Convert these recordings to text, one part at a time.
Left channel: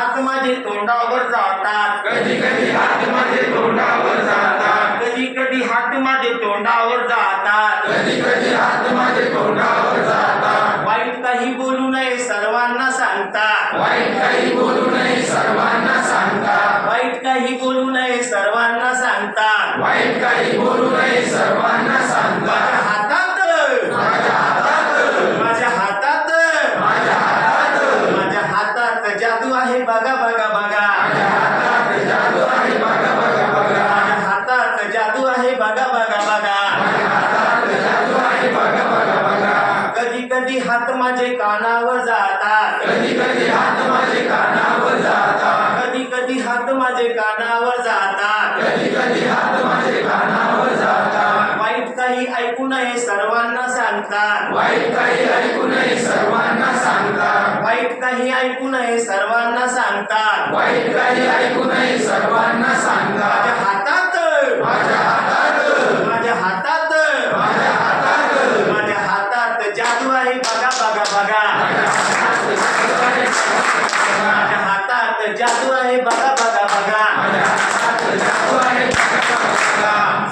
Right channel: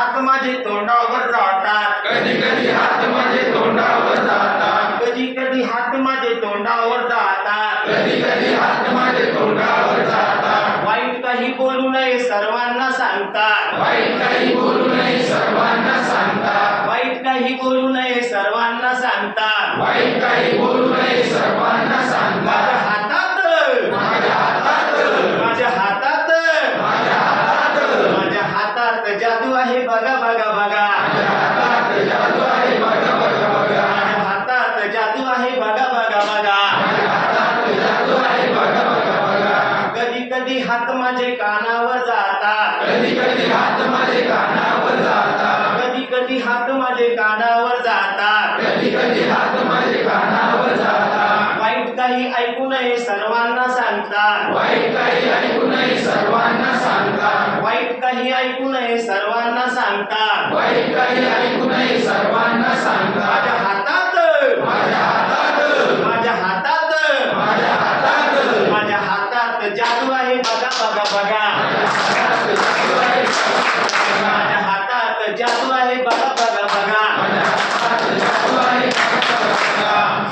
हात माझे तोंडावर जातात, कधी कधी हात माझे तोंडावर जातात, कधी कधी हात माझे तोंडावर जातात, कधी कधी हात माझे तोंडावर जातात. वाईट काही बोलू नये सर्वांना सांगतात, वाईट काही बोलू नये सर्वांना सांगतात, वाईट काही बोलू नये सर्वांना सांगतात. वाईट काही बोलू नये सर्वांना माझ्या सांगतात. हातात माझ्या हातात माझ्या हातात माझ्या हातात माझ्या हातात जादू आहे बघा बघा बघा, माझ्या हातात जादू आहे बघा बघा बघा, माझ्या हातात जादू आहे बघा बघा बघा. माझ्या हातात जादू आहे बघा बघा बघा. कधी कधी हात माझे कानावर जातात, कधी कधी हात माझे कानावर जातात, कधी कधी हात माझे कानावर जातात. कधी कधी हात माझे कानावर जातात. वाईट काही ऐकू नये सर्वांना सांगतात, वाईट काही ऐकू नये सर्वांना सांगतात, वाईट काही ऐकू नये सर्वांना सांगतात. वाईट काही ऐकू नये सर्वांना माझ्या सांगतात. हातात माझ्या हातात माझ्या हातात माझ्या हातात माझ्या हातात जादू आहे बघा बघा बघा, माझ्या हातात जादू आहे बघा बघा बघा.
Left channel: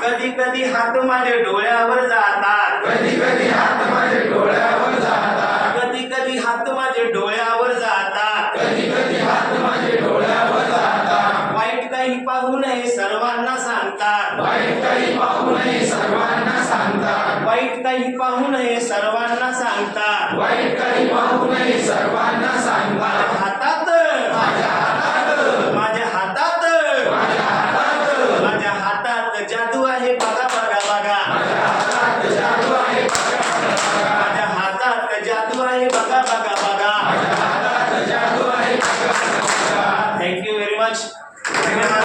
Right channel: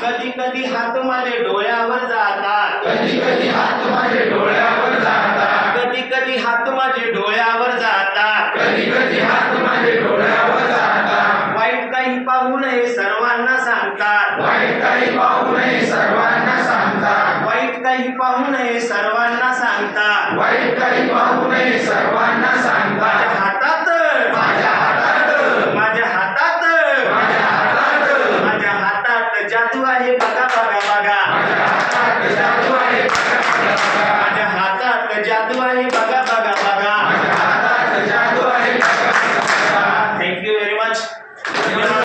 कधी कधी हात माझे डोळ्यावर जातात, कधी कधी हात माझे डोळ्यावर जातात, कधी कधी हात माझे डोळ्यावर जातात. कधी कधी हात माझे डोळ्यावर जातात. वाईट काही पाहू नये सर्वांना सांगतात, वाईट काही पाहू नये सर्वांना सांगतात, वाईट काही पाहू नये सर्वांना सांगतात. वाईट काही पाहू नये सर्वांना सांगतात.